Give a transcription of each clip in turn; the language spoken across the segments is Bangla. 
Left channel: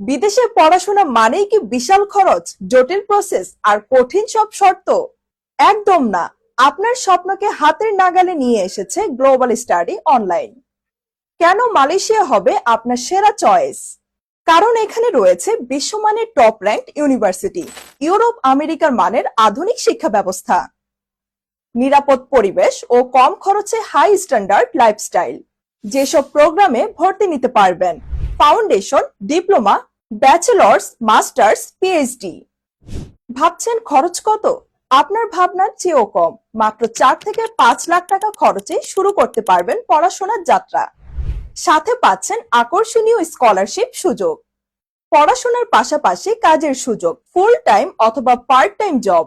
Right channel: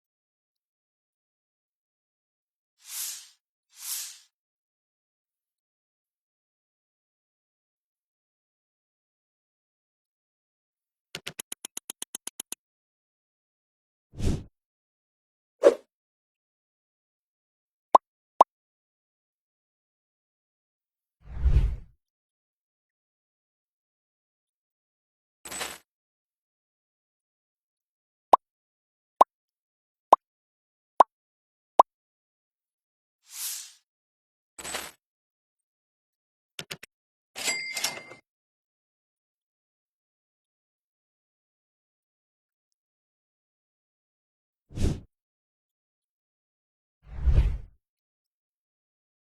বিদেশে পড়াশোনা মানেই কি বিশাল খরচ, জটিল প্রসেস আর কঠিন সব শর্ত? একদম না। আপনার স্বপ্নকে হাতের নাগালে নিয়ে এসেছে গ্লোবাল স্টাডি অনলাইন। কেন মালয়েশিয়া হবে আপনার সেরা চয়েস? কারণ এখানে রয়েছে বিশ্বমানের টপ র্যাঙ্ক ইউনিভার্সিটি, ইউরোপ আমেরিকার মানের আধুনিক শিক্ষা ব্যবস্থা, নিরাপদ পরিবেশ ও কম খরচে হাই স্ট্যান্ডার্ড লাইফস্টাইল। যেসব প্রোগ্রামে ভর্তি নিতে পারবেন foundation, diploma, bachelors, masters, PhD. ভাবছেন খরচ কত? আপনার ভাবনার চেয়েও কম। মাত্র 4 থেকে 5 লাখ টাকা খরচে শুরু করতে পারবেন পড়াশোনার যাত্রা। সাথে পাচ্ছেন আকর্ষণীয় স্কলারশিপ সুযোগ, পড়াশোনার পাশাপাশি কাজের সুযোগ, ফুল টাইম অথবা পার্ট টাইম জব,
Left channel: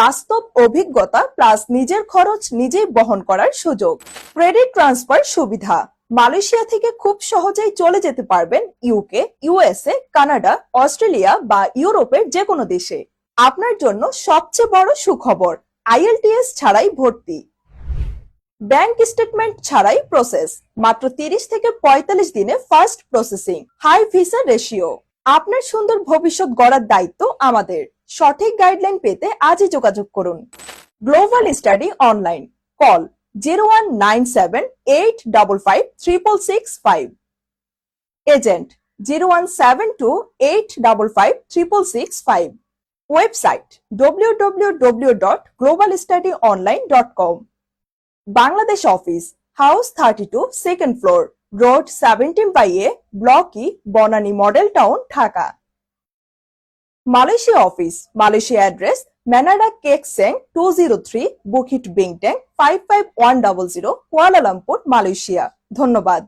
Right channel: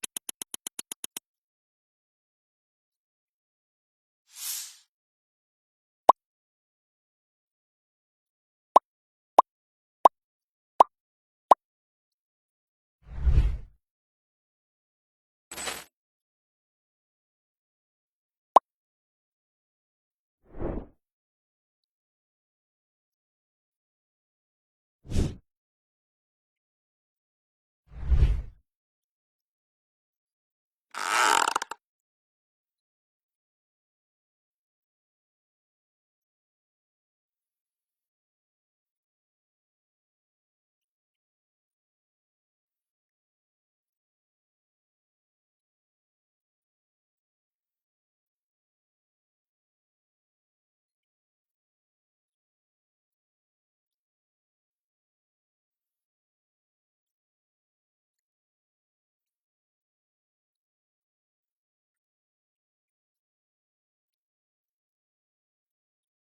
বাস্তব অভিজ্ঞতা প্লাস নিজের খরচ নিজেই বহন করার সুযোগ, ক্রেডিট ট্রান্সফার সুবিধা। মালয়েশিয়া থেকে খুব সহজেই চলে যেতে পারবেন ইউকে, ইউএসএ, কানাডা, অস্ট্রেলিয়া বা ইউরোপের যে কোনো দেশে। আপনার জন্য সবচেয়ে বড় সুখবর, আইএলটিএস ছাড়াই ভর্তি, ব্যাংক স্টেটমেন্ট ছাড়াই প্রসেস, মাত্র 30 থেকে 45 দিনে fast processing, high visa ratio. আপনার সুন্দর ভবিষ্যৎ গড়ার দায়িত্ব আমাদের। সঠিক গাইডলাইন পেতে আজই যোগাযোগ করুন। Global study online, call 0197855665, agent 0172855665, website www.globalstudyonline.com, Bangladesh office, house 32, second floor, road 17/A, block E, Banani model town, Dhaka. Malaysia office, Malaysia address Menara Keck Seng 203, Bukit Bintang 55100, Kuala Lumpur, Malaysia. ধন্যবাদ।